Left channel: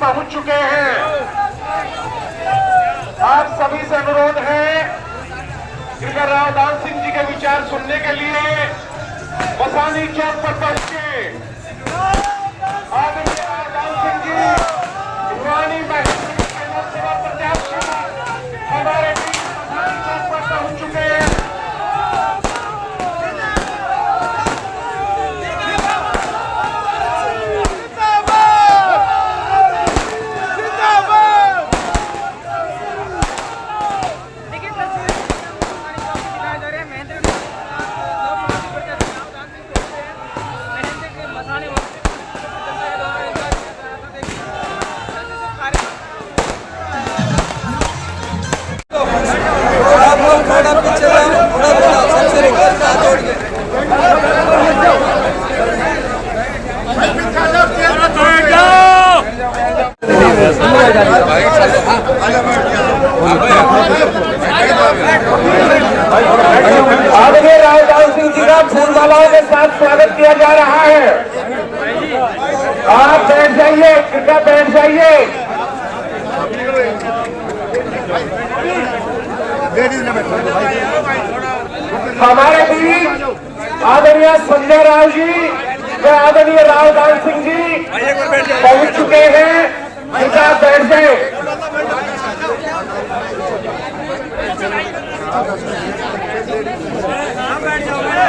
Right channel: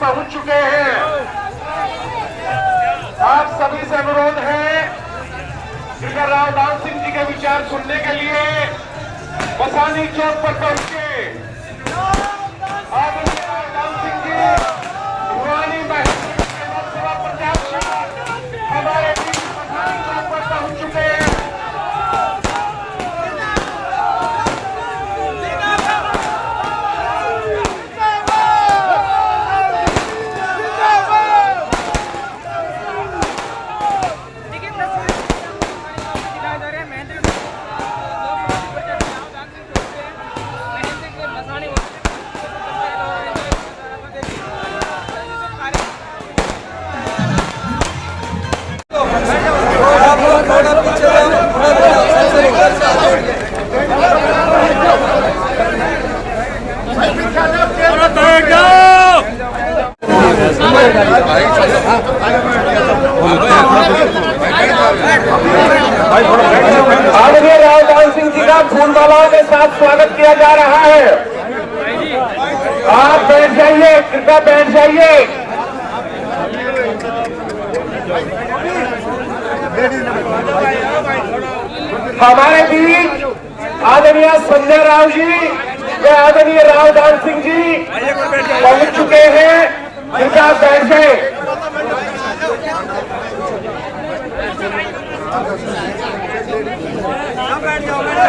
पहुंच चुके हैं। आप सभी से अनुरोध है स्पीकर राव दान सिंह जी के विचार सुनने के लिए मसानी चौक पर पहुंचे। आदरणीय राव दान सिंह जी भिवानी महेंद्र के लोकसभा प्रत्याशी हमारे बीच मसानी चौक पर पहुंच चुके हैं। आदरणीय राव दान सिंह जी का फूलमालाओं के साथ स्वागत किया जा रहा है। आप बैठ जाइए, कृपया बैठ जाइए। हमारे बीच आदरणीय संजय राव जी या आदरणीय राव दान सिंह जी पहुंच चुके हैं, कृपया बैठ जाए।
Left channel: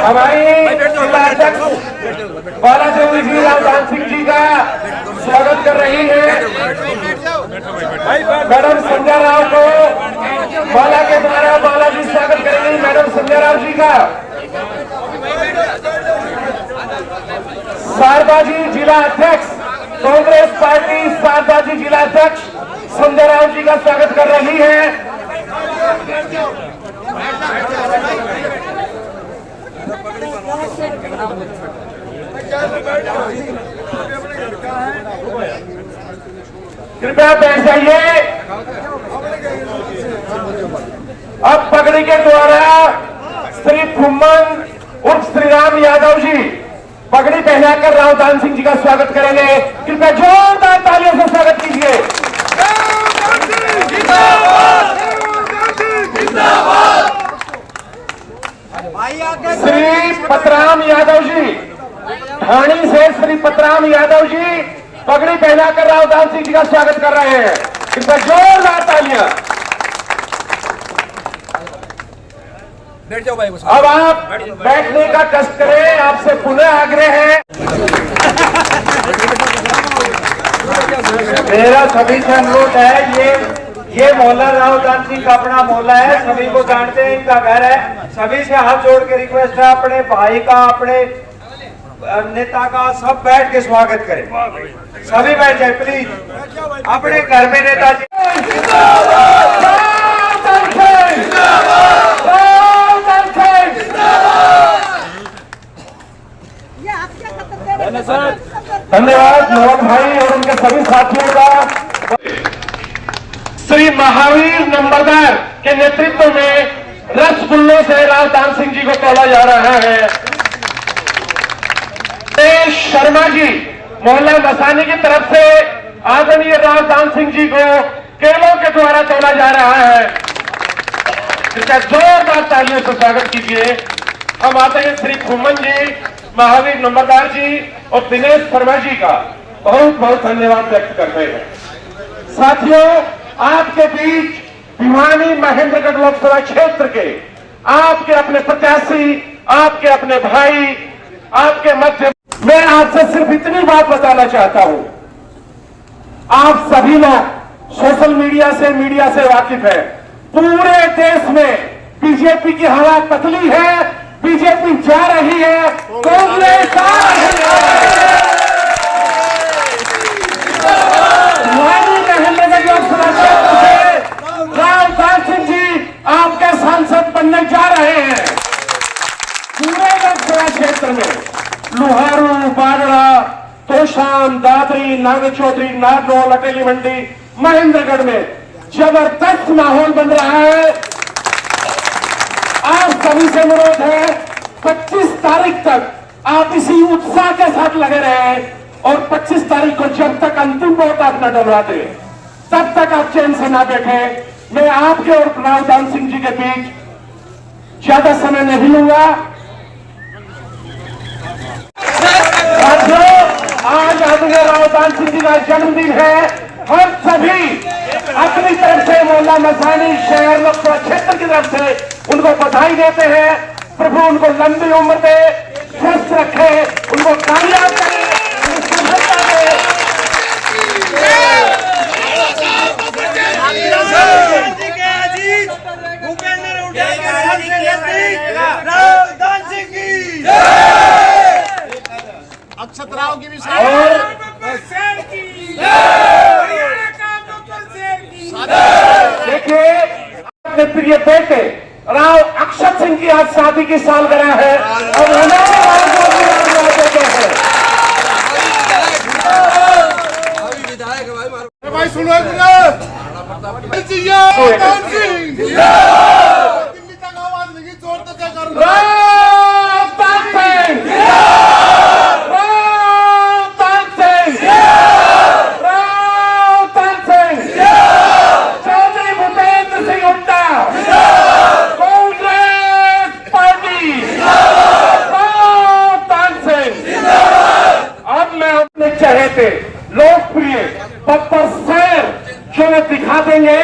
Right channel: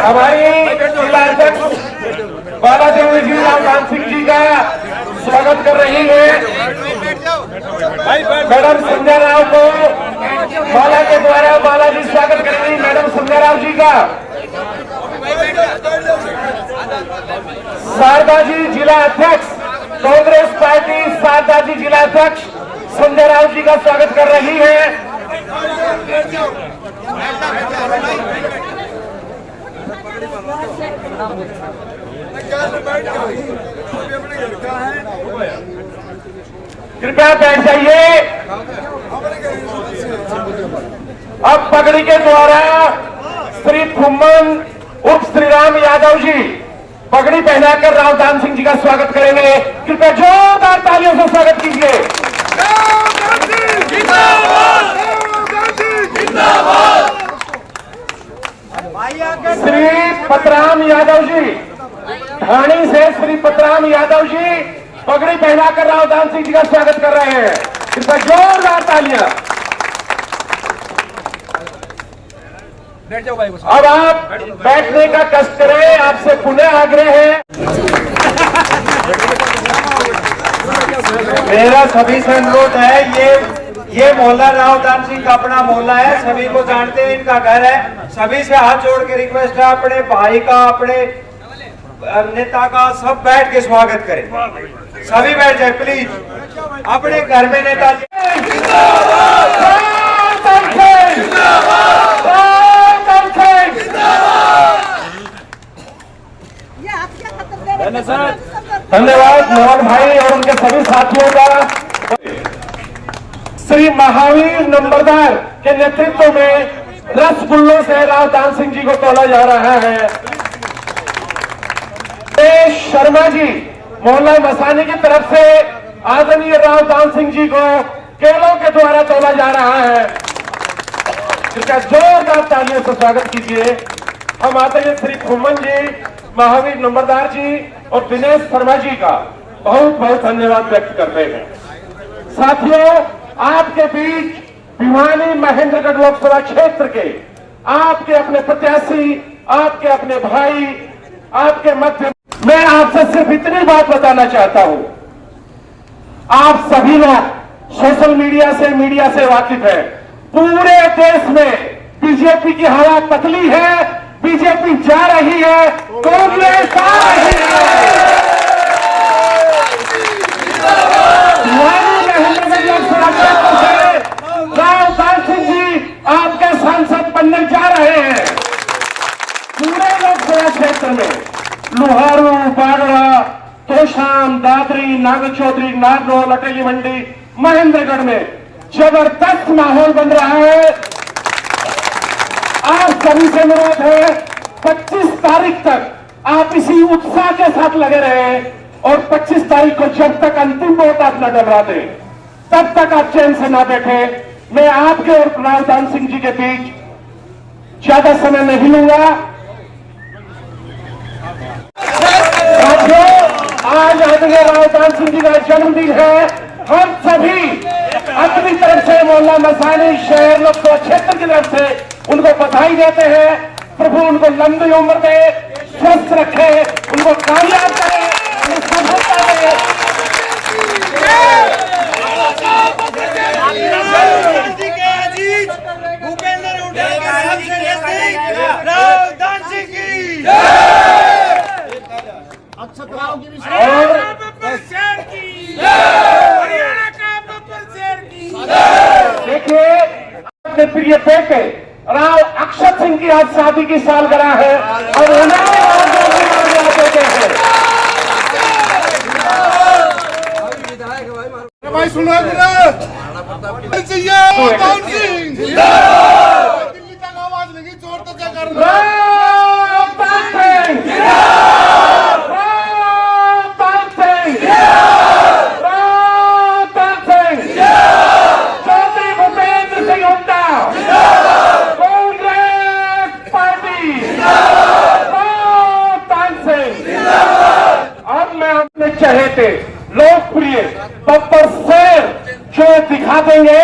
हमारी जिलाध्यक्ष बालाचंद्र जी दान सिंह जी का स्वागत कर रही है। मैडम संजय राव को बाला के द्वारा बाला जी स्वागत करेंगी। मैडम संजय राव जी का शारदा जी जिला अध्यक्ष कांग्रेस पार्टी शारदा जी जिला अध्यक्ष संजय राव जी का स्वागत कर रही है। कृपया बैठ जाइए। अब पगड़ी के द्वारा श्री फुम्मन उर्फ श्री राम यादव जी पगड़ी पहनाकर राव दान सिंह जी का स्वागत करेंगे। कृपया जोरदार तालियों से स्वागत कीजिए। श्री पतराम यादव जी ढाणी से श्री पतराम यादव जी पगड़ी पहनाकर राव दान सिंह जी का स्वागत कर रहे हैं। कृपया जोरदार तालियां। अब आप बैठने का कष्ट करें, आपसे पुनः आग्रह है। मेरा सभी से अनुरोध है, ये मोहल्ला राव दान सिंह का अपना मोहल्ला है, सभी को जानते हैं, इनका घर है। सभी से हाथ जोड़ के रिक्वेस्ट है, अपने भाई का, अपने नेता का सब बैठ के स्वागत करें। सभी बैठ जाए प्लीज। अपने घर में नेताजी धन्यवाद मोहन भाई और उनके सभी साथियों का। श्री महावीर नंबरदार के नेतृत्व में रसगुल्लों से राव दान सिंह जी को तोला जा रहा है। शर्मा जी मोहल्ला मसानी की तरफ से आदरणीय राव दान सिंह जी को केलों के द्वारा तोला जा रहा है। इसका जोरदार तालियों से स्वागत कीजिए। हम आदरणीय श्री फुम्मन जी, महावीर नंबरदार जी और दिनेश शर्मा जी का बहुत बहुत धन्यवाद व्यक्त करते हैं। साथियों, आपके बीच भिवानी महेंद्रगढ़ लोकसभा क्षेत्र के आपके अपने प्रत्याशी, आपके अपने भाई, आपके मध्य मैं आपसे सिर्फ इतनी बात बताना चाहता हूं। आप सभी लोग सोशल मीडिया से वाकिफ हैं। पूरे देश में बीजेपी की हवा तकली है, बीजेपी जा रही है, कांग्रेस आ रही है। राव दान सिंह जी आपके सांसद बनने जा रहे हैं। पूरे लोकसभा क्षेत्र में लुहारू, बागड़ा, तोशाम, दादरी, नागर चौधरी, नारनौल, अटेली मंडी, महेंद्रगढ़ में जबरदस्त माहौल बन रहा है। आप सभी से अनुरोध है, 25 तारीख तक आप इसी उत्साह के साथ लगे रहे। और 25 तारीख को जब तक अंतिम वोट आप न डलवाते तब तक आप चैन से ना बैठे। मैं आपके और राव दान सिंह जी के बीच ज्यादा समय नहीं लूंगा। साथियों, आज आदरणीय राव दान सिंह जी का जन्मदिन है। हम सभी अपनी तरफ से मोहल्ला मसानी शहर लोकसभा क्षेत्र की तरफ से उनको बधाई देते हैं। प्रभु उनको लंबी उम्र दे, स्वस्थ रखे, उनको कामयाब करे, सफलता दे। अक्षत राव की भी हरियाणा का बब्बर शेर की। देखिए, अपने प्रिय बेटे राव अक्षत सिंह की आज शादी की सालगिरह है और उन्होंने देते हैं। भाई सुनो चाहिए दिल्ली तक आवाज नहीं चोर तो क्या कर चौधरी भूपेंद्र सिंह हुड्डा, कांग्रेस पार्टी, अब मैं अपने चहेते लोकप्रिय बब्बर शेर जो दिखा देंगे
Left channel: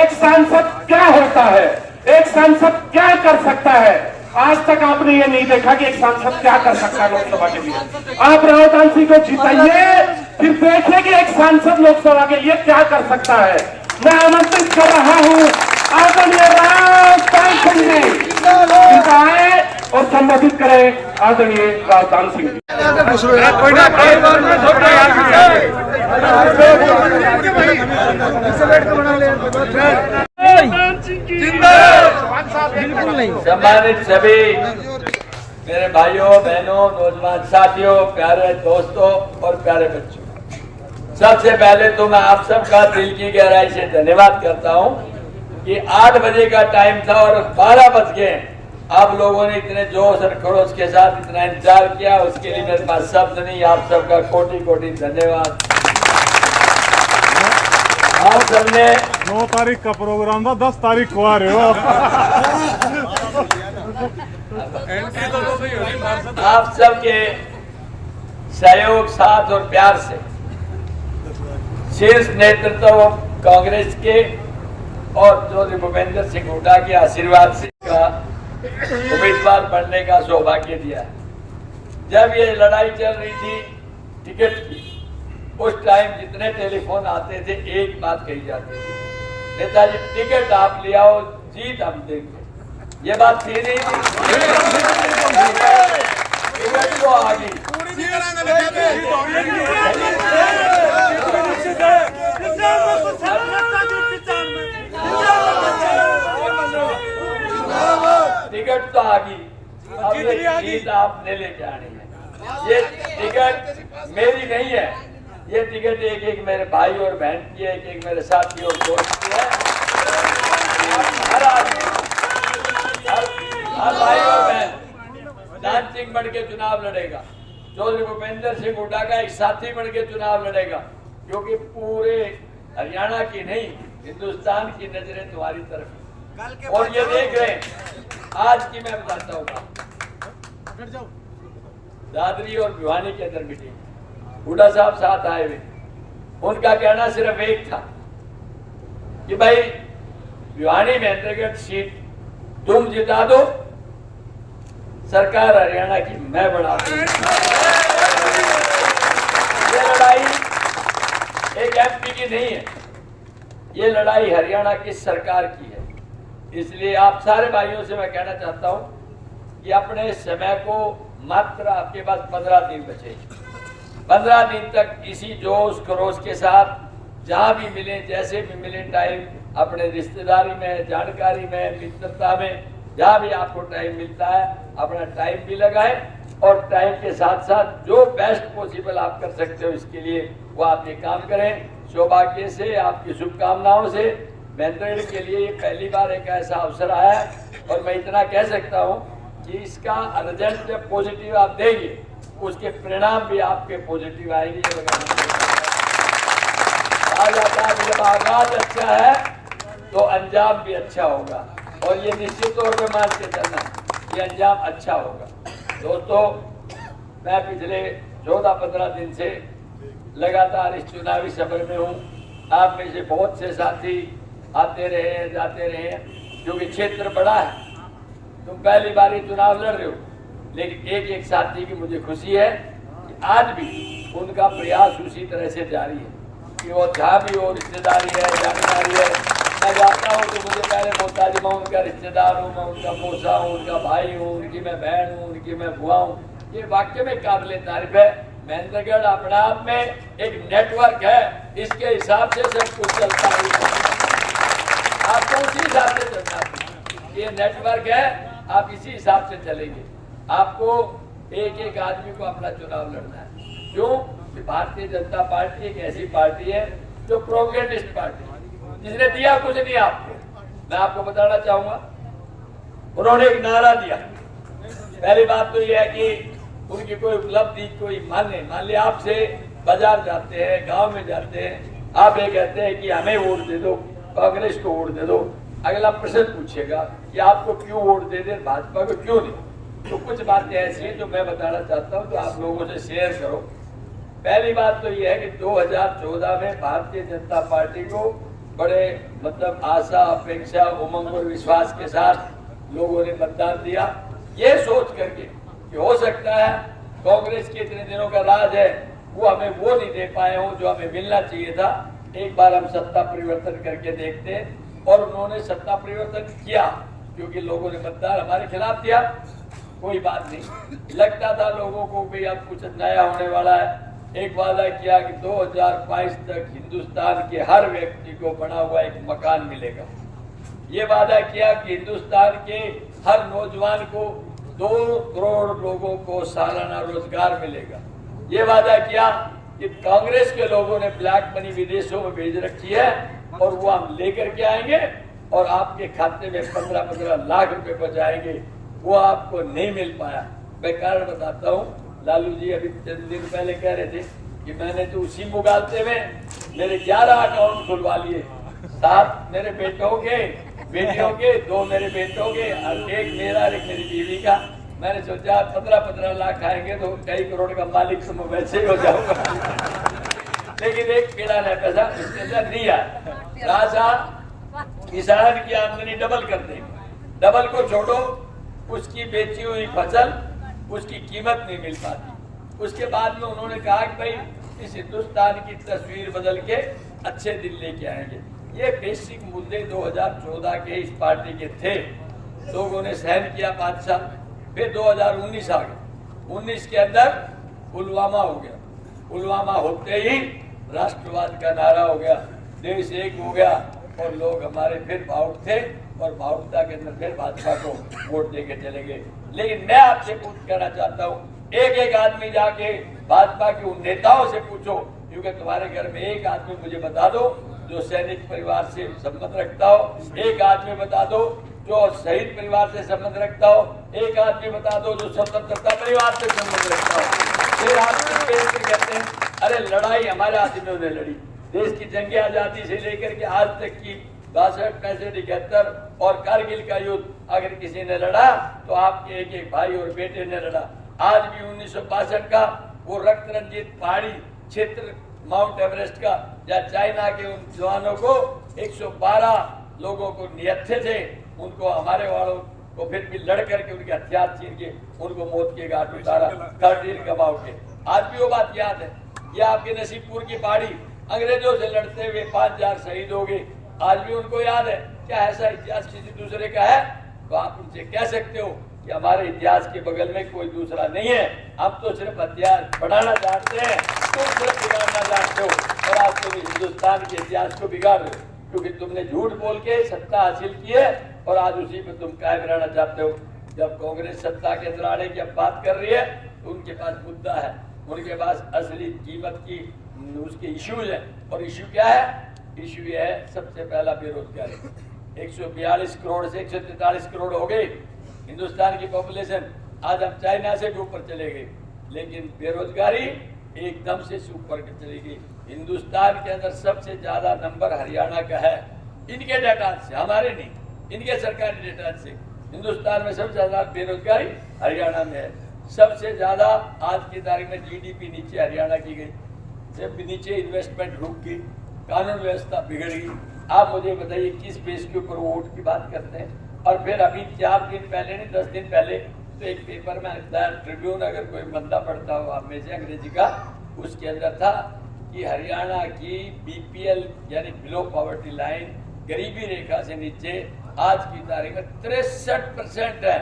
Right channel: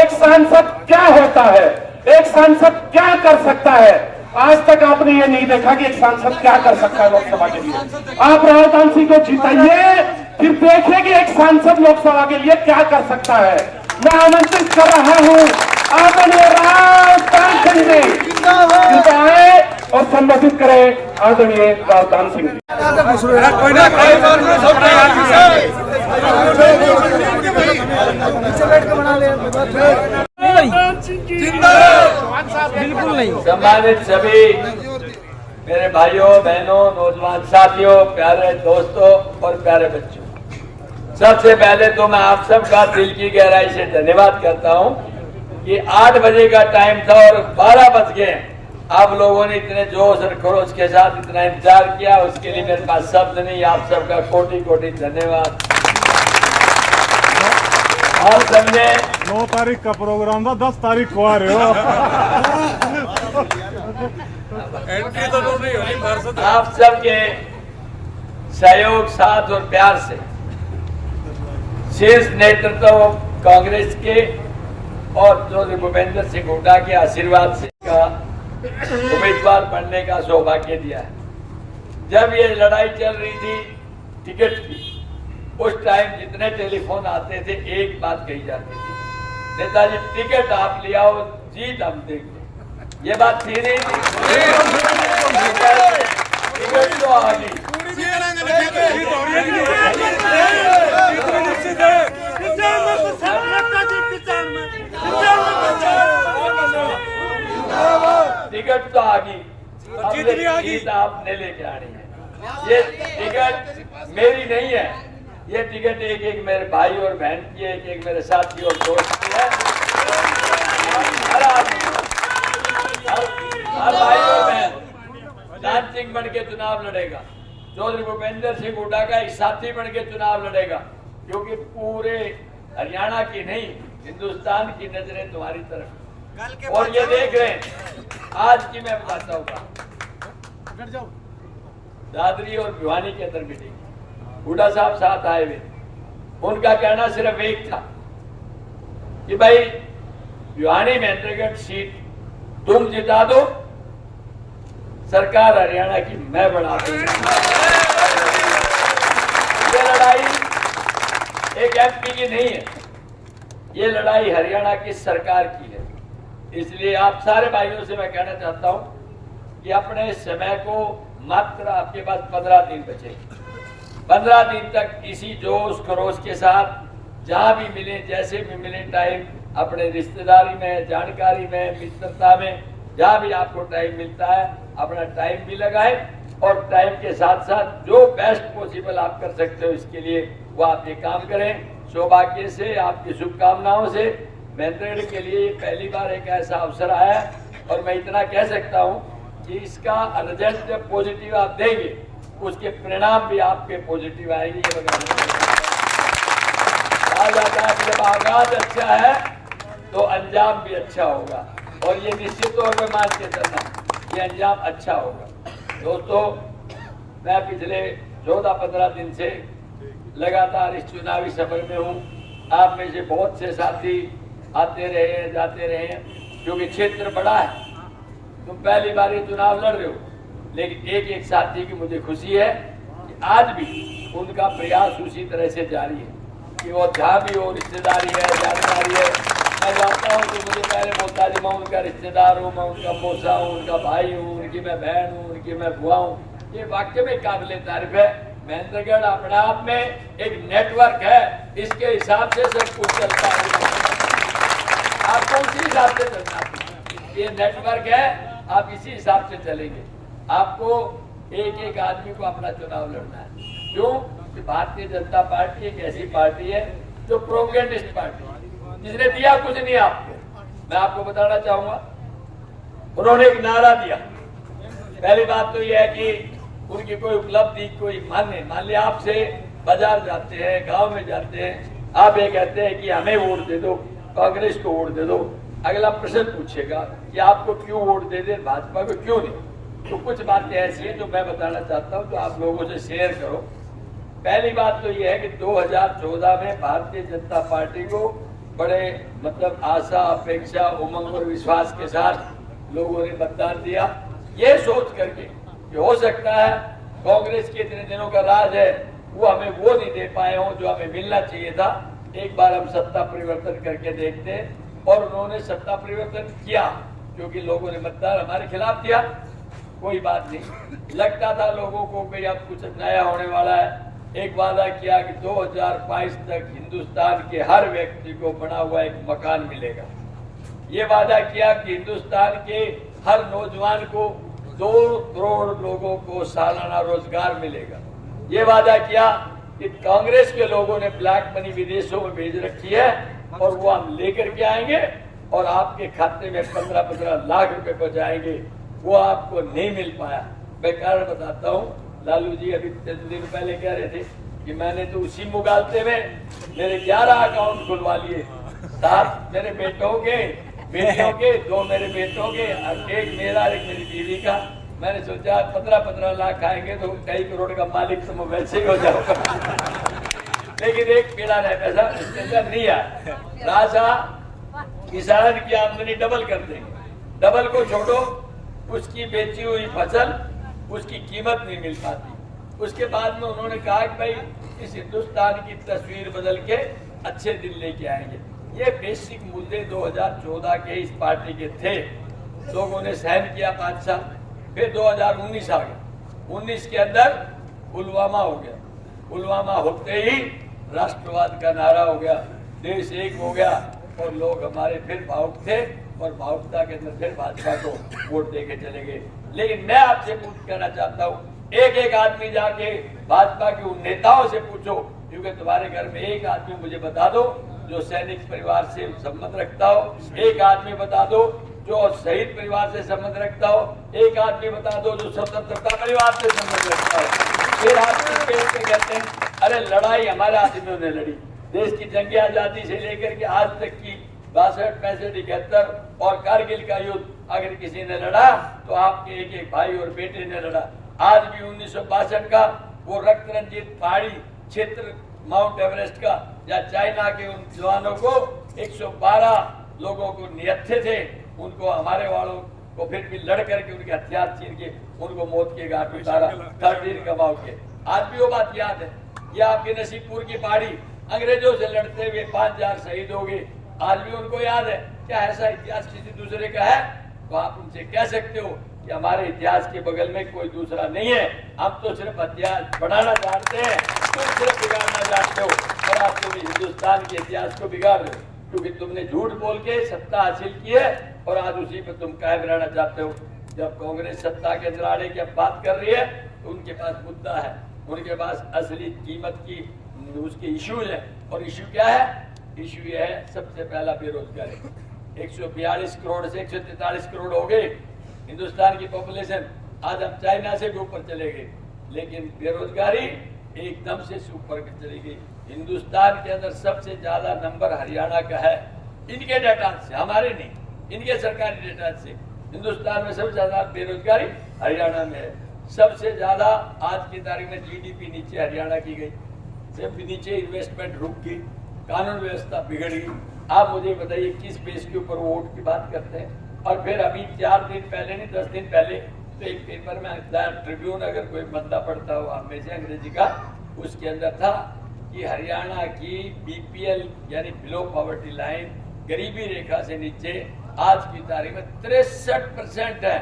एक सांसद क्या होता है, एक सांसद क्या कर सकता है। आज तक आपने ये नहीं देखा कि एक सांसद क्या कर सकता है लोकसभा के लिए। आप राव दान सिंह को जिताइए, फिर देखिए कि एक सांसद लोकसभा के लिए क्या कर सकता है। मैं आमंत्रित कर रहा हूँ आदरणीय राव दान सिंह जी जिताए और संबोधित करें आदरणीय राव दान सिंह जी। बिल्कुल नहीं। सम्मानित सभी मेरे भाइयों बहनों नौजवान साथियों प्यारे दोस्तों और प्यारे बच्चों, सबसे पहले तो मैं आप सबका दिल की गहराई से धन्यवाद करता हूं कि 8 बजे का टाइम था और 12 बज गए। आप लोगों ने इतने जोश और खरोश के साथ इतना इंतजार किया, उसके लिए मेरे पास शब्द नहीं। आप सबका कोटि कोटि धन्यवाद। आप सबने 9 तारीख का प्रोग्राम था, 10 तारीख को आ रहे हो। आप सबके सहयोग साथ और प्यार से शीर्ष नेतृत्व कांग्रेस के और चौधरी भूपेंद्र सिंह हुड्डा के आशीर्वाद से का उम्मीदवार बनने का सौभाग्य दिया है। जब ये लड़ाई चल रही थी टिकट की, उस टाइम जितने टेलीफोन आते थे एक बात कही जाती थी, नेताजी टिकट आप ले आओ, जीत हम देंगे। ये बात थी नहीं थी? टिकट तो आ गई। टिकट तो आ गई, जीत आपने लेके आनी है। ये टिकट मेरी नहीं है, ये टिकट एक एक मेरे भाई और बहन की है, एक एक मेरे साथी और दोस्त की है। हर भाई और बहन दान सिंह बन के चुनाव लड़ेगा, चौधरी भूपेंद्र सिंह हुड्डा का एक साथी बन के चुनाव लड़ेगा, क्योंकि पूरे हरियाणा की नहीं हिंदुस्तान की नजरें तुम्हारी तरफ है। और ये देख रहे हैं, आज की मैं बताता हूँ, दादरी और भिवानी के अंदर मीटिंग, हुड्डा साहब साथ आए हुए, उनका कहना सिर्फ एक था कि भाई भिवानी महेंद्रगढ़ सीट तुम जिता दो, सरकार हरियाणा की मैं बढ़ा दूंगा। ये लड़ाई एक एमपी की नहीं है, ये लड़ाई हरियाणा की सरकार की है। इसलिए आप सारे भाइयों से मैं कहना चाहता हूं कि अपने समय को मात्र आपके पास 15 दिन बचे। 15 दिन तक इसी जोश खरोश के साथ जहां भी मिले, जैसे भी मिले, टाइम अपने रिश्तेदारी में, जानकारी में, मित्रता में, जहां भी आपको टाइम मिलता है अपना टाइम भी लगाएं और टाइम के साथ साथ जो बेस्ट पॉसिबल आप कर सकते हो इसके लिए वो आप ये काम करें। सौभाग्य से, आपकी शुभकामनाओं से महेंद्रगढ़ के लिए पहली बार एक ऐसा अवसर आया है और मैं इतना कह सकता हूं कि इसका रिजल्ट जब पॉजिटिव आप देंगे उसके परिणाम भी आपके पॉजिटिव आएंगे। जब आगाज अच्छा है तो अंजाम भी अच्छा होगा, और ये निश्चित तौर पर मान के चलना ये अंजाम अच्छा होगा। दोस्तों, मैं पिछले 14-15 दिन से लगातार इस चुनावी सफर में हूँ। आप में से बहुत से साथी आते रहे जाते रहे, क्योंकि क्षेत्र बड़ा है। तुम पहली बार ये चुनाव लड़ रहे हो, लेकिन एक साथी की मुझे खुशी है कि आज भी उनका प्रयास उसी तरह से जारी है कि वो जहाँ भी हो, रिश्तेदारी है, जानकारी है, मैं जाता हूँ तो मुझे पहले बोलता है मैं उनका रिश्तेदार हूँ, मैं उनका मौसा हूँ, उनका भाई हूँ, उनकी मैं बहन हूँ, उनकी मैं बुआ हूँ। ये वाक्य में काबिले तारीफ है। महेंद्रगढ़ अपने आप में एक नेटवर्क है, इसके हिसाब से सब कुछ चलता है। आपको उसी हिसाब से चलना है। ये नेटवर्क है, आप इसी हिसाब से चलेंगे। आपको एक आदमी को अपना चुनाव लड़ना है। क्यों? कि भारतीय जनता पार्टी एक ऐसी पार्टी है जो प्रोपेगेंडिस्ट पार्टी है, जिसने दिया कुछ नहीं आपको। मैं आपको बताना चाहूंगा, उन्होंने एक नारा दिया। पहली बात तो यह है कि उनकी कोई उपलब्धि कोई मान लिया आपसे बाजार जाते हैं, गांव में जाते हैं, आप ये कहते हैं कि हमें वोट दे दो, कांग्रेस को वोट दे दो। अगला प्रश्न पूछेगा कि आपको क्यों वोट दे दे, भाजपा को क्यों नहीं। तो कुछ बातें ऐसी हैं जो मैं बताना चाहता हूं, तो आप लोगों से शेयर करो। पहली बात तो यह है कि 2014 में भारतीय जनता पार्टी को बड़े आशा, अपेक्षा, उमंग और विश्वास के साथ लोगों ने मतदान दिया, ये सोच करके कि हो सकता है कांग्रेस के इतने दिनों का राज है वो हमें वो नहीं दे पाए हों जो हमें मिलना चाहिए था। एक बार हम सत्ता परिवर्तन करके देखते हैं, और उन्होंने सत्ता परिवर्तन किया क्योंकि लोगों ने मतदान हमारे खिलाफ दिया। कोई बात नहीं, लगता था लोगों को भी अब कुछ नया होने वाला है। एक वादा किया कि 2022 तक हिंदुस्तान के हर व्यक्ति को बना हुआ एक मकान मिलेगा। ये वादा किया कि हिंदुस्तान के हर नौजवान को 2 करोड़ लोगों को सालाना रोजगार मिलेगा। ये वादा किया कि कांग्रेस के लोगों ने ब्लैक मनी विदेशों में भेज रखी है और वो हम लेकर के आएंगे और आपके खाते में 15-15 लाख रुपए पहुंचाएंगे। वो आपको नहीं मिल पाया। मैं कारण बताता हूँ। लालू जी अभी चंद दिन पहले कह रहे थे कि मैंने तो उसी मुगालते में मेरे 11 अकाउंट खुलवा लिए, 7 मेरे बेटों के, बेटियों के, 2 मेरे बेटों के और 1 मेरा और 1 मेरी बीवी का। मैंने सोचा 15-15 लाख आएंगे तो कई करोड़ का मालिक तो मैं वैसे ही हो जाऊंगा। लेकिन एक पेड़ा नहीं पैसा इसके अंदर नहीं आया। राजा किसान की आमदनी डबल कर देंगे। डबल को छोड़ो, उसकी बेची हुई फसल उसकी कीमत नहीं मिल पाती। उसके बाद में उन्होंने कहा कि भाई इस हिंदुस्तान की तस्वीर बदल के अच्छे दिन लेके आएंगे। ये बेसिक मुद्दे 2014 के इस पार्टी के थे। लोगों ने सहन किया 5 साल। फिर 2019 आ गया। 19 के अंदर पुलवामा हो गया। पुलवामा होते ही राष्ट्रवाद का नारा हो गया, देश एक हो गया और लोग हमारे फिर भावुक थे और भावुकता के अंदर फिर भाजपा को वोट देके चले गए। लेकिन मैं आपसे कहना चाहता हूँ, एक आदमी जाके भाजपा के उन नेताओं से पूछो, क्योंकि तुम्हारे घर में एक आदमी मुझे बता दो जो सैनिक परिवार से संबंध रखता हो, एक आदमी बता दो जो शहीद परिवार से संबंध रखता हो, एक आदमी बता दो जो स्वतंत्रता परिवार से संबंध रखता हो। फिर आप कहते हैं अरे लड़ाई हमारे आदमियों ने लड़ी। देश की जंग आजादी से लेकर के आज तक की 62, 65, 71 और कारगिल का युद्ध अगर किसी ने लड़ा तो आपके एक भाई और बेटे ने लड़ा। आज भी 1962 का वो रक्त रंजित पहाड़ी क्षेत्र माउंट एवरेस्ट का या चाइना के उन जवानों को 112 लोगों को निहत्थे थे, उनको हमारे वालों को फिर भी लड़ करके उनके हथियार छीन के उनको मौत के घाट उतारा 13 गवाह के। आज भी वो बात याद है। ये आपके नसीबपुर की पहाड़ी अंग्रेजों से लड़ते हुए 5000 शहीद हो गए, आज भी उनको याद है। क्या ऐसा इतिहास किसी दूसरे का है? तो आप उनसे कह सकते हो कि हमारे इतिहास के बगल में कोई दूसरा नहीं है, हम तो सिर्फ हथियार बढ़ाना जानते हैं, तुम सिर्फ बिगाड़ना जानते हो। और आज तुम हिंदुस्तान के इतिहास को बिगाड़ रहे हो क्योंकि तुमने झूठ बोल के सत्ता हासिल की है और आज उसी पे तुम कायम रहना चाहते हो। जब कांग्रेस सत्ता के अंदर आने की बात कर रही है तो उनके पास मुद्दा है, उनके पास असली कीमत की उसके इश्यूज है। और इश्यू क्या है? इश्यू ये है सबसे पहला बेरोजगारी। 142 करोड़ से 143 करोड़ हो गई हिंदुस्तान की पॉपुलेशन। आज हम चाइना से भी ऊपर चले गए। लेकिन बेरोजगारी एकदम से ऊपर चली गई। हिंदुस्तान के अंदर सबसे ज्यादा नंबर हरियाणा का है, इनके डेटा से, हमारे नहीं, इनके सरकारी डेटा से। हिंदुस्तान में सबसे ज्यादा बेरोजगारी हरियाणा में है। सबसे ज्यादा आज की तारीख में जीडीपी नीचे हरियाणा की गई, सबसे नीचे इन्वेस्टमेंट रुक गई, कानून व्यवस्था बिगड़ गई। आप मुझे बताइए किस बेस के ऊपर वोट की बात करते हैं? और फिर अभी 4 दिन पहले नहीं 10 दिन पहले तो एक पेपर में ट्रिब्यून, अगर कोई बंदा पढ़ता हो आप में से अंग्रेजी का, उसके अंदर था कि हरियाणा की बीपीएल यानी बिलो पॉवर्टी लाइन, गरीबी रेखा से नीचे आज की तारीख में 63% है।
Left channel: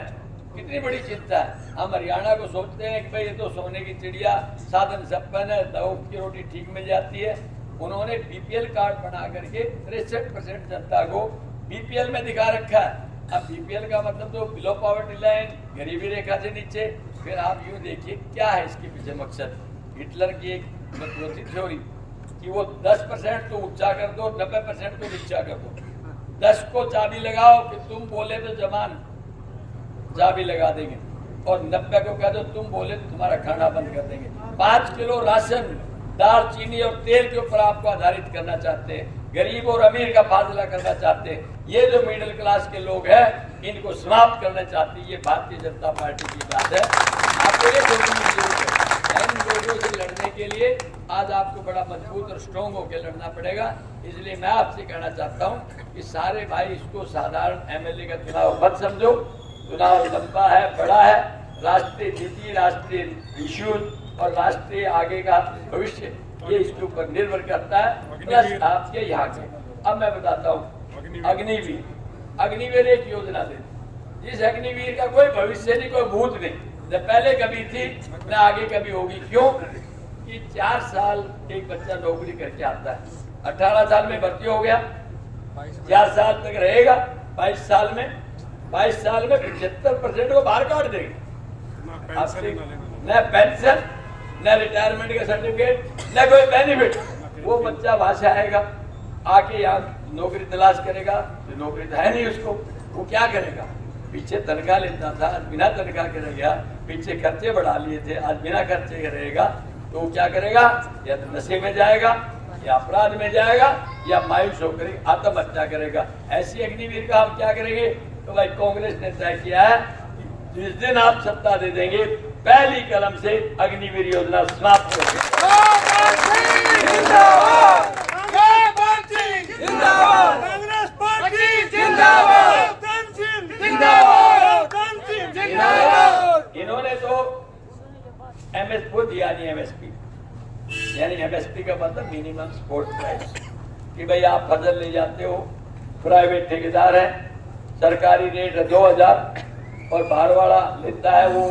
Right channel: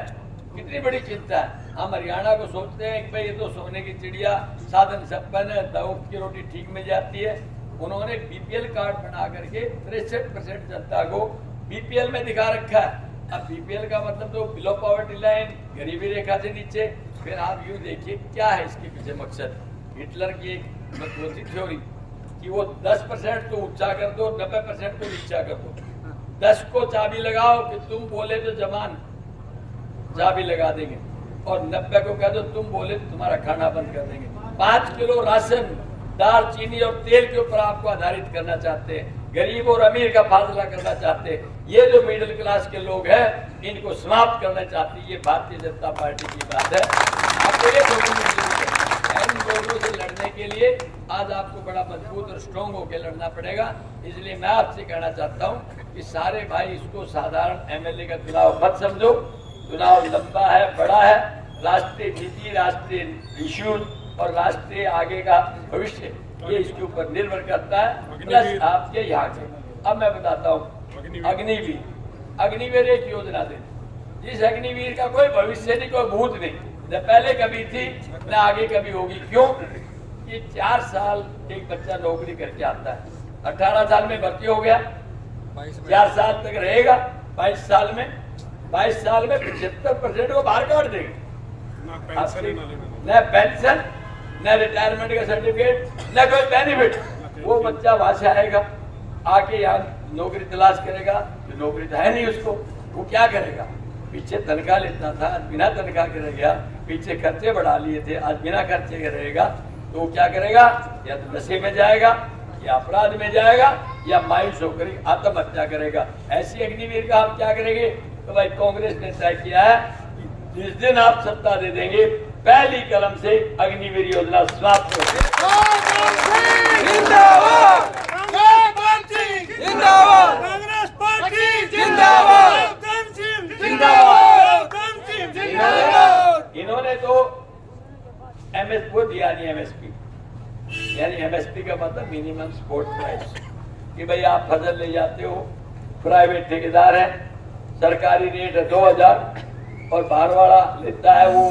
कितनी बड़ी चिंता है। हम हरियाणा को सोचते हैं कि भाई ये तो सोने की चिड़िया, साधन संपन्न है, दो की रोटी ठीक मिल जाती है। उन्होंने बीपीएल कार्ड बना करके 63% जनता को बीपीएल में दिखा रखा है। अब बीपीएल का मतलब तो बिलो पॉवर्टी लाइन, गरीबी रेखा से नीचे। फिर आप यूं देखिए क्या है इसके पीछे मकसद। हिटलर की एक थी थ्योरी कि वो 10% तो ऊंचा कर दो, 90% को नीचा कर दो। 10 को चाबी लगाओ कि तुम बोले तो जमान चाबी लगा देंगे, और 90 को कह दो तुम बोले तो तुम्हारा खाना बंद कर देंगे। 5 किलो राशन, दाल, चीनी और तेल के ऊपर आपको आधारित करना चाहते हैं। गरीब और अमीर का फासला करना चाहते हैं। ये जो मिडिल क्लास के लोग हैं इनको समाप्त करना चाहती है। ये भारतीय जनता पार्टी की बात है। आपको ये समझने की जरूरत है, इन लोगों से लड़ने के लिए आज आपको बड़ा मजबूत और स्ट्रॉन्ग होकर लड़ना पड़ेगा। इसलिए मैं आपसे कहना चाहता हूँ कि सारे भाई इसको साधारण एमएलए का चुनाव मत समझो। चुनाव लंबा है, बड़ा है। राष्ट्रीय नीति, राष्ट्रीय इश्यूज और राष्ट्रीय आगे का भविष्य ये इसके ऊपर निर्भर करता है, प्लस आपके यहाँ के। अब मैं बताता हूँ अग्निवीर, अग्निवीर एक योजना दे, जिस अग्निवीर का कोई भविष्य नहीं, कोई भूत नहीं, न पहले कभी थी न आगे कभी होगी। क्यों कि 4 साल एक बच्चा नौकरी करके आता है, 18 साल में भर्ती हो गया, 4 साल तक रहेगा, 22 साल में 75% को बाहर काट देंगे। न पेंशन, न रिटायरमेंट का सर्टिफिकेट, न कोई बेनिफिट। वो बच्चा वहां से आएगा, आके यहाँ नौकरी तलाश करेगा, तो नौकरी तो है नहीं उसको, वो क्या करेगा? पीछे तनख्वाह लेता था, आज बिना तनख्वाह के रह गया। पीछे खर्चे बढ़ा लिए थे, आज बिना खर्चे के रहेगा। तो वो क्या करेगा? या तो नशे में जाएगा, या अपराध में जाएगा, या मायूस होकर आत्महत्या करेगा। ऐसी अग्निवीर का हम क्या करेंगे? तो भाई कांग्रेस ने तय किया है कि जिस दिन आप सत्ता दे देंगे, पहली कलम से अग्निवीर योजना समाप्त हो। इन्होंने तो एमएसपी दिया नहीं, एमएसपी यानी एमएसपी का मतलब मिनिमम सपोर्ट प्राइस, कि भाई आप फसल ले जाते हो, प्राइवेट ठेकेदार है, सरकारी रेट है 2000 और बाहर वाला लेता है वो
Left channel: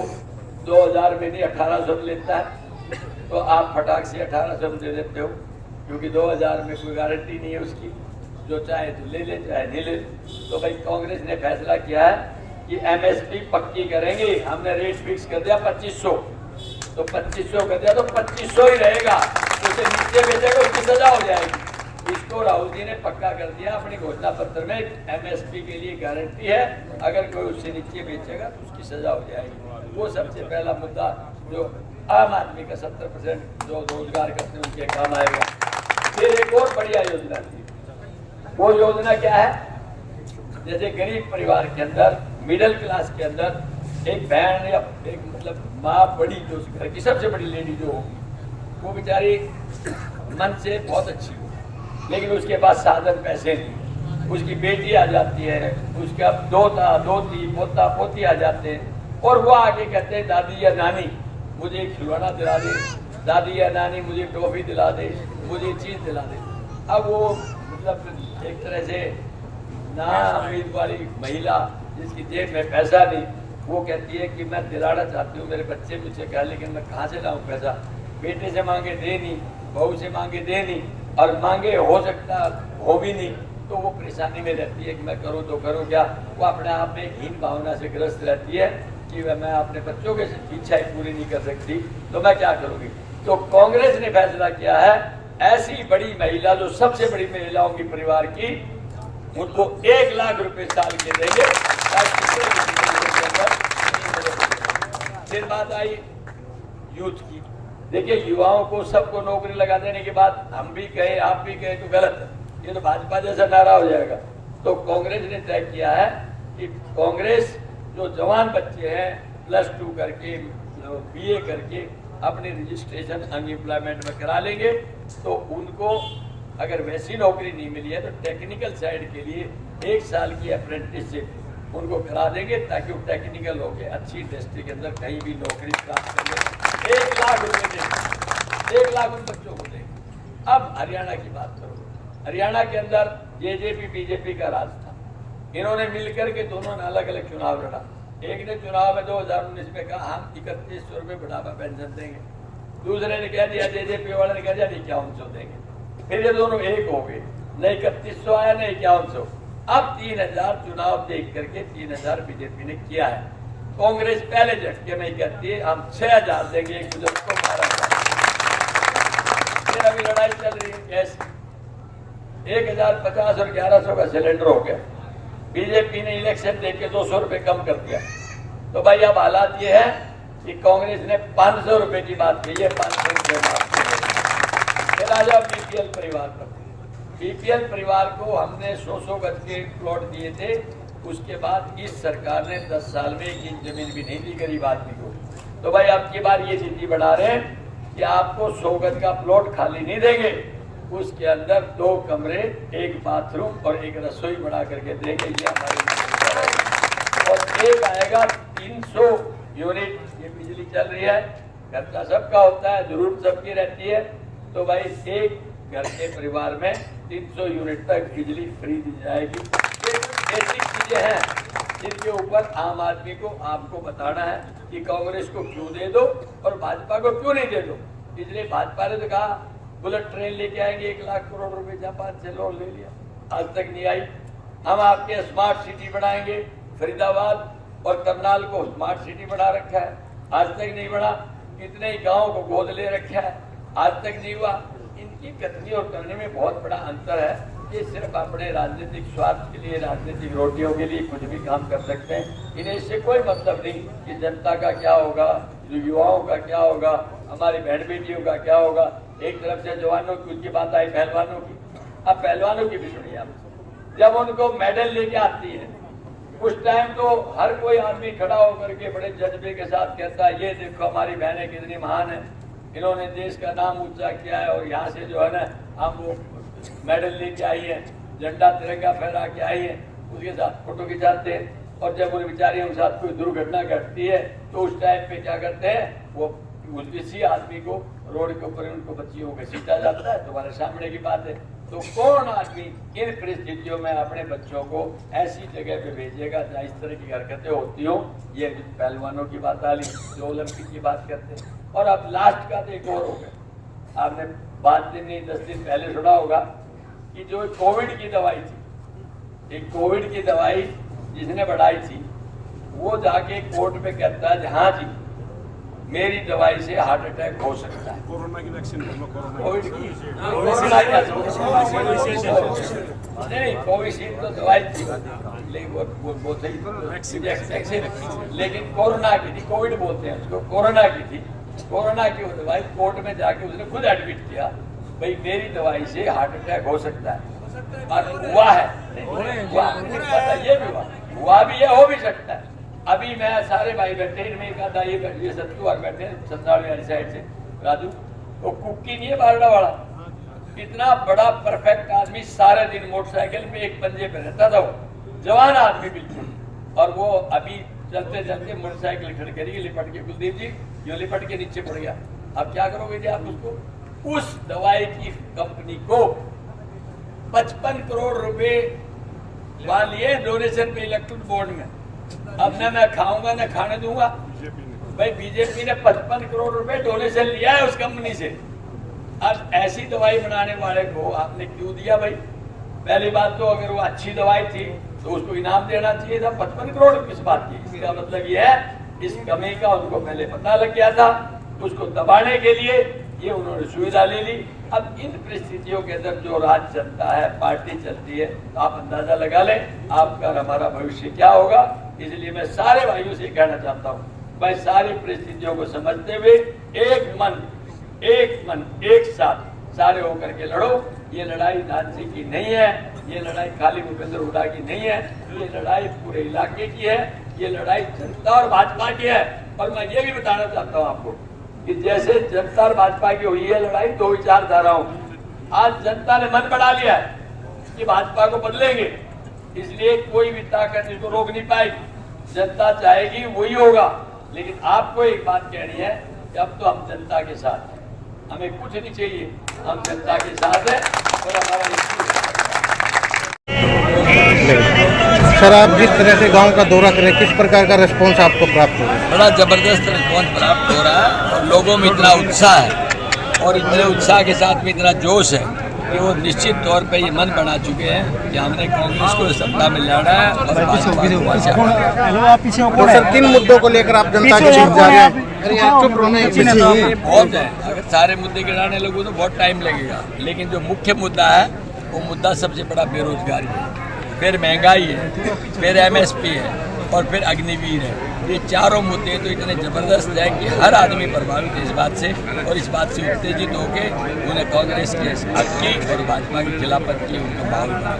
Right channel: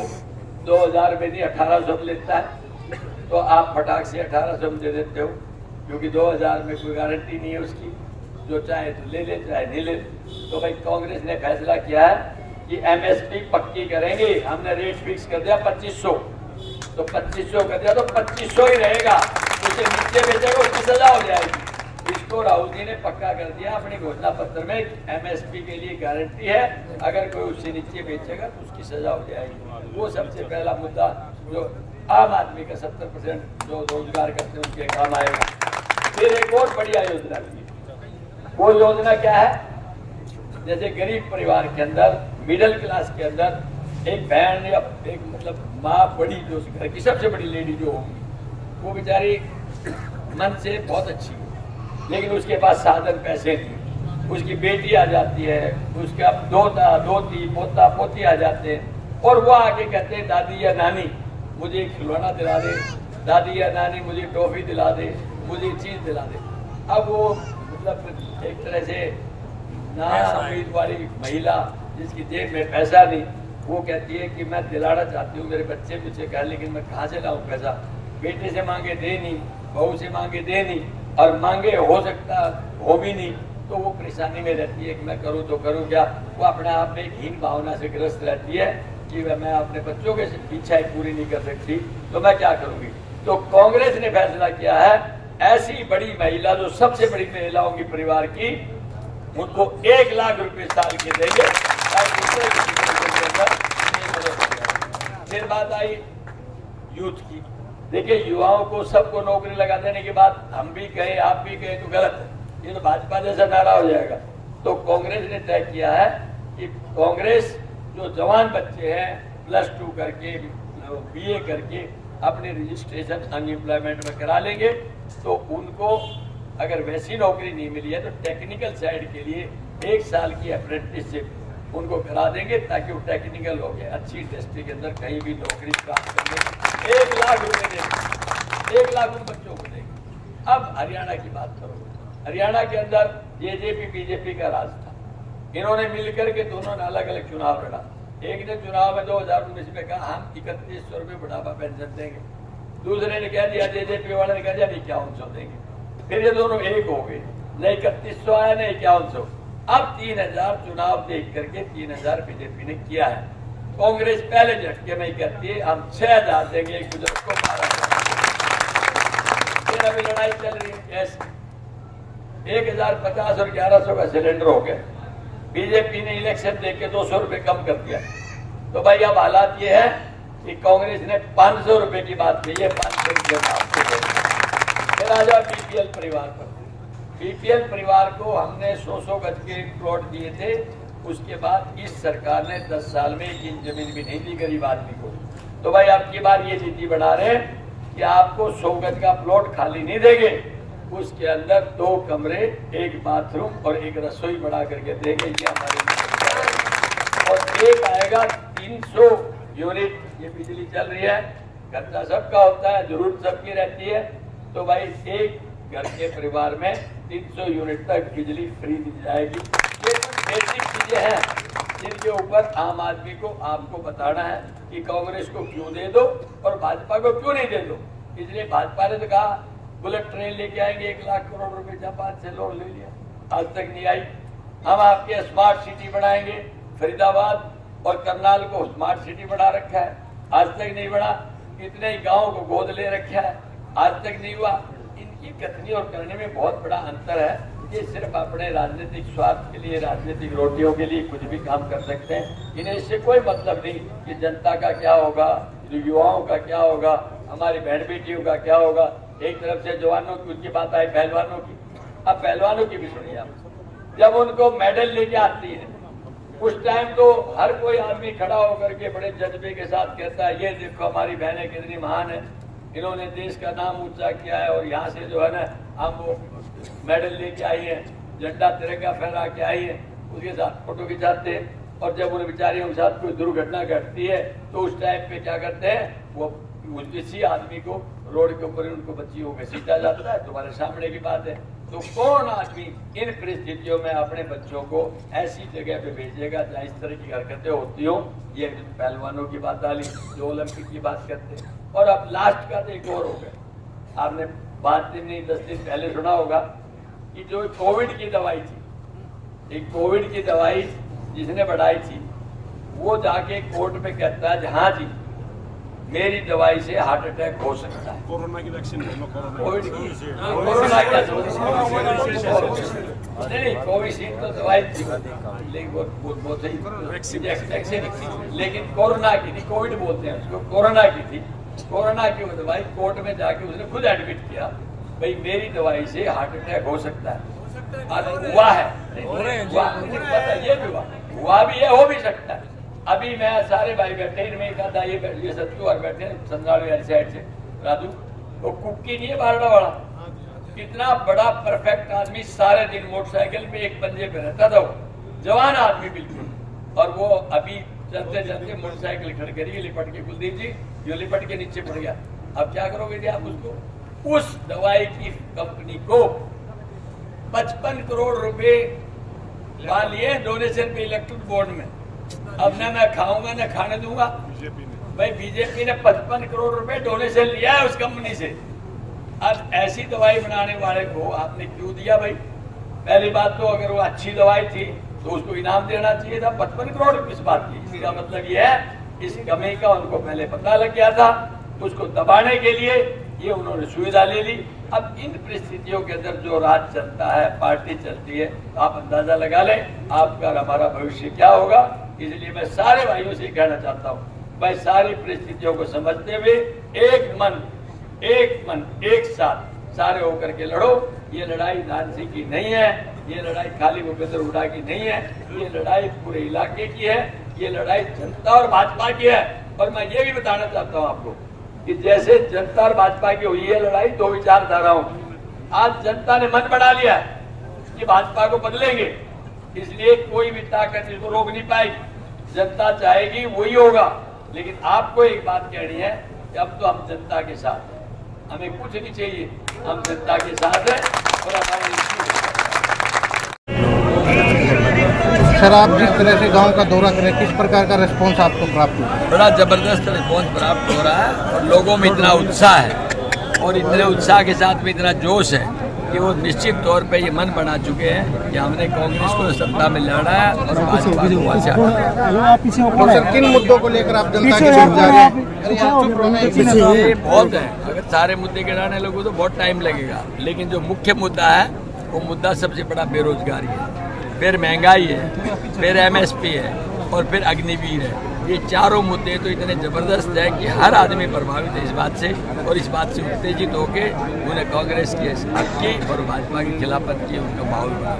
2000 में नहीं 1800 में लेता है। तो आप फटाक से 1800 में दे देते हो, क्योंकि 2000 में कोई गारंटी नहीं है उसकी, जो चाहे तो ले ले चाहे नहीं ले। तो भाई कांग्रेस ने फैसला किया है कि एमएसपी पक्की करेंगे। हमने रेट फिक्स कर दिया 2500, तो 2500 कर दिया तो 2500 ही रहेगा। उसे नीचे बेचेगा उसकी सजा हो जाएगी। इसको राहुल जी ने पक्का कर दिया अपने घोषणा पत्र में, एमएसपी के लिए गारंटी है, अगर कोई उससे नीचे बेचेगा तो उसकी सजा हो जाएगी। वो सबसे पहला मुद्दा जो आम आदमी का 70% जो रोजगार करते हैं उनके काम आएगा। फिर एक और बढ़िया योजना थी, वो योजना क्या है? जैसे गरीब परिवार के अंदर, मिडिल क्लास के अंदर एक बहन या एक मतलब माँ बड़ी, जो घर की सबसे बड़ी लेडी जो होगी, वो बेचारी मन से बहुत अच्छी है, लेकिन उसके पास साधन पैसे नहीं। उसकी बेटी आ जाती है, उसका दोती पोता पोती आ जाते हैं, और वो आके कहते हैं दादी या नानी मुझे एक खिलौना दिला दे, दादी या नानी मुझे टॉफी दिला दे, मुझे चीज दिला दे। अब वो मतलब एक तरह से ना उम्मीद वाली महिला जिसकी जेब में पैसा नहीं, वो कहती है कि मैं दिलाना चाहती हूँ, मेरे बच्चे मुझसे कहा, लेकिन मैं कहाँ से लाऊं पैसा? बेटे से मांगे दे नहीं, बहू से मांगे दे नहीं, और मांगे हो सकता हो भी नहीं। तो वो परेशानी में रहती है कि मैं करूँ तो करूँ क्या। वो अपने आप में एक हीन भावना से ग्रस्त रहती है कि मैं अपने बच्चों के इच्छाएं पूरी नहीं कर सकती, तो मैं क्या करूँगी। तो कांग्रेस ने फैसला किया है, ऐसी बड़ी महिला जो सबसे बड़ी महिलाओं की परिवार की, उनको 1 लाख रुपए साल के देंगे। फिर बात आई यूथ की। देखिए, युवाओं को सबको नौकरी लगा देने के बाद हम भी कहें आप भी कहें तो गलत है, ये तो भाजपा जैसा नारा हो जाएगा। तो कांग्रेस ने तय किया है कि कांग्रेस जो जवान बच्चे हैं +2 करके BA करके अपनी रजिस्ट्रेशन अनएम्प्लॉयमेंट में करा लेंगे, तो उनको अगर वैसी नौकरी नहीं मिली है तो टेक्निकल साइड के लिए 1 साल की अप्रेंटिसशिप उनको करा देंगे, ताकि वो टेक्निकल हो गए अच्छी इंडस्ट्री के अंदर कहीं भी नौकरी प्राप्त कर ले। 1 लाख रुपए देंगे, 1 लाख उन बच्चों को देंगे। अब हरियाणा की बात करो। हरियाणा के अंदर जेजेपी बीजेपी का राज था, इन्होंने मिलकर के दोनों ने अलग अलग चुनाव लड़ा। एक ने चुनाव में 2019 में कहा हम 3100 रुपए बुढ़ापा पेंशन देंगे, दूसरे ने कह दिया, जेजेपी वाले ने कह दिया 5100 देंगे। फिर ये दोनों एक हो गए, न 3100 आया न 5100। अब 3000 चुनाव देख करके 3000 बीजेपी ने किया है। कांग्रेस पहले झटके में कहती है हम 6000 देंगे एक बुजुर्ग को। फिर अभी लड़ाई चल रही है कैसे, 1050 और 1100 का सिलेंडर हो गया, बीजेपी ने इलेक्शन देके 200 रुपए कम कर दिया। तो भाई अब हालात ये है कि कांग्रेस ने 500 रुपए की बात कही है, 500 रुपए। फिर आ जाओ बीपीएल परिवार पर। बीपीएल परिवार को हमने 100 गज के प्लॉट दिए थे, उसके बाद इस सरकार ने 10 साल में 1 इंच जमीन भी नहीं दी गरीब आदमी को। तो भाई अब की बार ये नीति बना रहे हैं कि आपको 100 गज का प्लॉट खाली नहीं देंगे, उसके अंदर 2 कमरे, 1 बाथरूम और 1 रसोई बना करके देंगे। ये हमारे और एक आएगा 300 यूनिट। ये बिजली चल रही है, खर्चा सबका होता है, जरूरत सबकी रहती है। तो भाई एक घर के परिवार में 300 यूनिट तक बिजली फ्री दी जाएगी। ये बेसिक चीजें हैं जिनके ऊपर आम आदमी को आपको बताना है कि कांग्रेस को क्यों दे दो और भाजपा को क्यों नहीं दे दो। इसलिए भाजपा ने तो कहा बुलेट ट्रेन लेके आएंगे 1 लाख करोड़ रुपए, जापान से लोन ले लिया, आज तक नहीं आई। हम आपके स्मार्ट सिटी बनाएंगे, फरीदाबाद और करनाल को स्मार्ट सिटी बना रखा है, आज तक नहीं बना। कितने गांव को गोद ले रखा है, आज तक नहीं हुआ। इनकी कथनी और करने में बहुत बड़ा अंतर है। ये सिर्फ अपने राजनीतिक स्वार्थ के लिए, राजनीतिक रोटियों के लिए कुछ भी काम कर सकते हैं। इन्हें इससे कोई मतलब नहीं कि जनता का क्या होगा, युवाओं का क्या होगा, हमारी बहन बेटियों का क्या होगा। एक तरफ से जवानों की उनकी बात आई, पहलवानों की। अब पहलवानों की भी सुनिए आप। जब उनको मेडल लेके आती है उस टाइम तो हर कोई आदमी खड़ा होकर के बड़े जज्बे के साथ कहता है ये देखो हमारी बहनें कितनी महान है, इन्होंने देश का नाम ऊंचा किया है और यहाँ से जो है ना हम वो मेडल लेके आई है, झंडा तिरंगा फहरा के आई है, उसके साथ फोटो खिंचाते हैं। और जब उन बेचारियों के साथ कोई दुर्घटना घटती है तो उस टाइम पे क्या करते हैं, वो किसी आदमी को रोड के ऊपर उनको बच्चियों को घसीटा जाता है। तुम्हारे सामने की बात है। तो कौन आदमी इन परिस्थितियों में अपने बच्चों को ऐसी जगह पे भेजेगा जहाँ इस तरह की हरकतें होती हो। ये पहलवानों की बात आ ली, जो ओलंपिक की बात करते हैं। और अब लास्ट का तो एक और हो गया, आपने 5 दिन नहीं 10 दिन पहले सुना होगा कि जो कोविड की दवाई थी, एक कोविड की दवाई जिसने बढ़ाई थी, वो जाके कोर्ट में कहता है हाँ जी मेरी दवाई से हार्ट अटैक हो सकता है। कोरोना की वैक्सीन, कोविड की कोरोना क्या नहीं, कोविशील्ड तो दवाई थी, लेकिन वो सही, लेकिन कोरोना की थी, कोविड बोलते हैं उसको, कोरोना की थी। कोरोना की वो दवाई कोर्ट में जाके उसने खुद एडमिट किया, भाई मेरी दवाई से हार्ट अटैक हो सकता है। और हुआ है, पता ये भी हुआ भी है, हो भी सकता है। अभी मैं सारे भाई बैठे, इनमें कहा था ये सत्तू और बैठे संदाड़ वाली साइड से राजू, वो कुक्की नहीं है बारडा वाला, कितना बड़ा परफेक्ट आदमी, सारे दिन मोटरसाइकिल पे एक पंजे पे रहता था, वो जवान आदमी बिल्कुल। और वो अभी चलते चलते मोटरसाइकिल खड़ी करी, लिपट के, कुलदीप जी जो लिपट के नीचे पड़ गया। अब क्या करोगे जी आप उसको? उस दवाई की कंपनी को 55 करोड़ रुपए मान लिए डोनेशन पे इलेक्ट्रिक बोर्ड में। अब न मैं खाऊंगा न खाने दूंगा। भाई बीजेपी ने 55 करोड़ रुपए डोनेशन लिया है उस कंपनी से। अब ऐसी दवाई बनाने वाले को आपने क्यों दिया भाई? पहली बात तो अगर वो अच्छी दवाई थी तो उसको इनाम देना चाहिए था। 55 करोड़ किस बात की? इसका मतलब ये है इस कमी का उनको पहले पता लग गया था, तो उसको दबाने के लिए ये उन्होंने सुविधा ले ली। अब इन परिस्थितियों के अंदर जो राज चलता है, पार्टी चलती है, आप अंदाजा लगा लें आपका और हमारा भविष्य क्या होगा। इसलिए मैं सारे भाइयों से कहना चाहता हूँ मैं सारी परिस्थितियों को समझते हुए एक मन एक साथ सारे होकर के लड़ो। ये लड़ाई दान सिंह की नहीं है, ये लड़ाई खाली भूपेंद्र हुड्डा की नहीं है, ये लड़ाई पूरे इलाके की है, ये लड़ाई जनता और भाजपा की है। और मैं ये भी बताना चाहता हूँ आपको कि जैसे जनता और भाजपा की हुई है लड़ाई, दो विचारधाराओं, आज जनता ने मन बना लिया है कि भाजपा को बदलेंगे, इसलिए कोई भी ताकत इसको रोक नहीं पाई। जनता चाहेगी वही होगा। लेकिन आपको एक बात कहनी है कि अब तो हम जनता के साथ हैं, हमें कुछ नहीं चाहिए, हम जनता के साथ हैं। और हमारा सर, आप जिस तरह से गांव का दौरा करें, किस प्रकार का रिस्पॉन्स आपको प्राप्त हुआ? बड़ा जबरदस्त रिस्पॉन्स प्राप्त हो रहा है और लोगों में इतना उत्साह है और इतने उत्साह के साथ में इतना जोश है कि वो निश्चित तौर पे ये मन बना चुके हैं कि हमने कांग्रेस को सत्ता में लड़ा है और भाजपा को वहाँ से हटाना है। तो सर, किन मुद्दों को लेकर आप जनता के बीच जा रहे हैं? बहुत है, अगर सारे मुद्दे गिनाने लगूँ तो बहुत टाइम लगेगा, लेकिन जो मुख्य मुद्दा है वो मुद्दा सबसे बड़ा बेरोजगारी है, फिर महंगाई है, फिर एमएसपी है और फिर अग्निवीर है। ये चारों मुद्दे तो इतने जबरदस्त हैं कि हर आदमी प्रभावित है इस बात से और इस बात से उत्तेजित होकर उन्हें कांग्रेस के हक की और भाजपा की खिलाफत की उनका माहौल बना।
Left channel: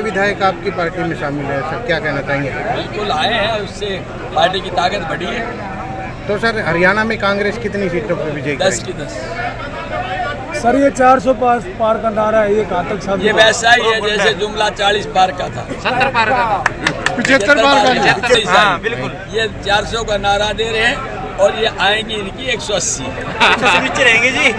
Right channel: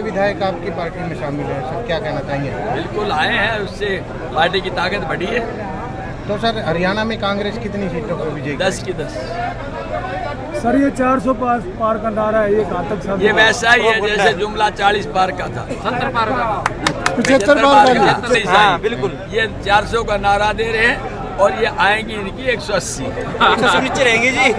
विधायक आपकी पार्टी में शामिल है, सर क्या कहना चाहेंगे? बिल्कुल आए हैं, उससे पार्टी की ताकत बढ़ी है। तो सर, हरियाणा में कांग्रेस कितनी सीटों पर विजयी? 10 की 10। सर, ये 400 पार का नारा है, ये कहाँ तक साबित? ये वैसा ही है जैसे जुमला 40 पार का था, 70 पार का था, 75 पार का। 75 हाँ, बिल्कुल। ये 400 का नारा दे रहे हैं और ये आएंगी इनकी 180 नीचे रहेंगे जी।